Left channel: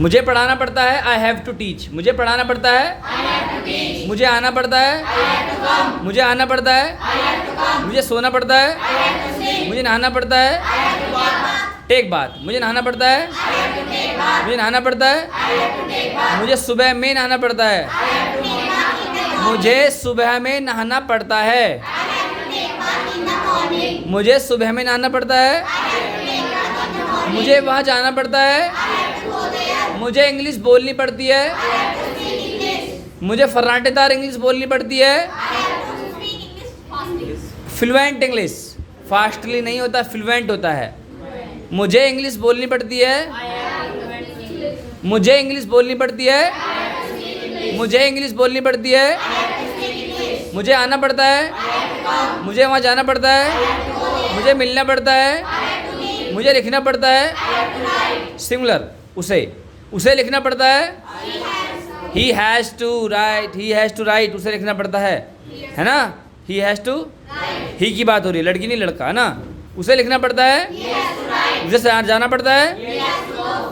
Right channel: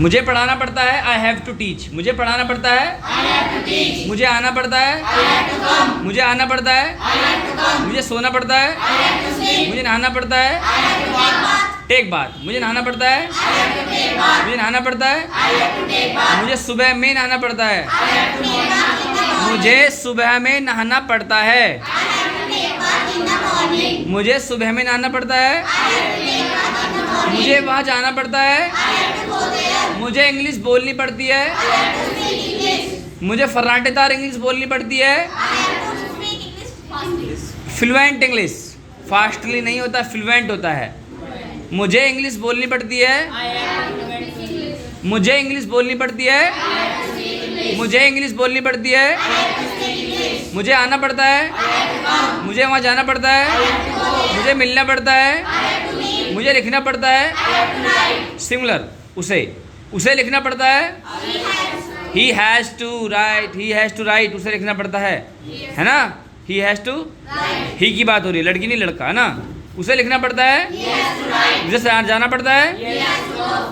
मुझे पढ़ाना पड़ता है, आई हैव टू टीच। मुझे पढ़ाना पड़ता है, मुझे आना पड़ता है, मुझे आना पड़ता है, मुझे सोना पड़ता है, मुझे नहाना पड़ता है, टेक बात। मुझे नहाना पड़ता है, मुझे नहाना पड़ता है, मुझे सुबह में नहाना पड़ता है, मुझे सुबह में नहाना पड़ता है, मुझे सुबह में नहाना पड़ता है, मुझे वहाँ जाना पड़ता है, मुझे इंग्लिश बोलनी पड़ती है, मुझे फर्राटेदार इंग्लिश बोलनी पड़ती है, फ्लुएंट इंग्लिश, फास्टली नहीं होता, फ्लुएंट होता है। मुझे इंग्लिश बोलनी पड़ती है, मुझे इंग्लिश बोलनी पड़ती है, मुझे इंग्लिश बोलनी पड़ती है, मुझे आना पड़ता है, मुझे वहाँ जाना पड़ता है, मुझे मिलना पड़ता है, मुझे लिखना पड़ता है, सिंगुलर उसे लिखना पड़ता है, he has to write, he has to write, उसे लिखना पड़ता है ना। ही हैज़ टू, ही की बात हो रही है, लड़की नहीं लड़का, है ना। उसे लिखना पड़ता है, मुझे जाना पड़ता है,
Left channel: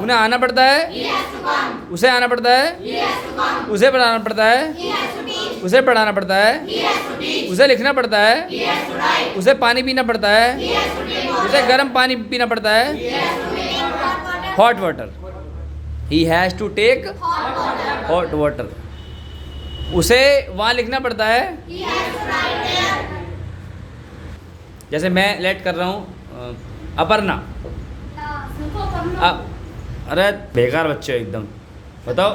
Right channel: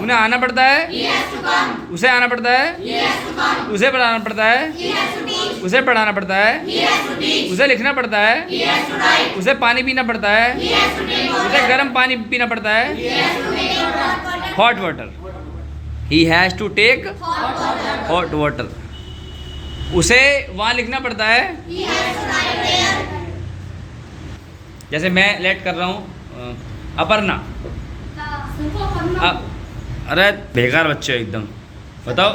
उन्हें आना पड़ता है, उसे आना पड़ता है, उसे पढ़ाना पड़ता है, उसे पढ़ाना पड़ता है, उसे लिखना पड़ता है, उसे पानी पीना पड़ता है, उसे गर्म पानी पीना पड़ता है, hot water. He has to take hot water. उसे वहाँ लिखना पड़ता है, जैसे मैं लेट कर रहा हूँ, अपर्णा। अरे बेकार बच्चे हो एकदम, बताओ।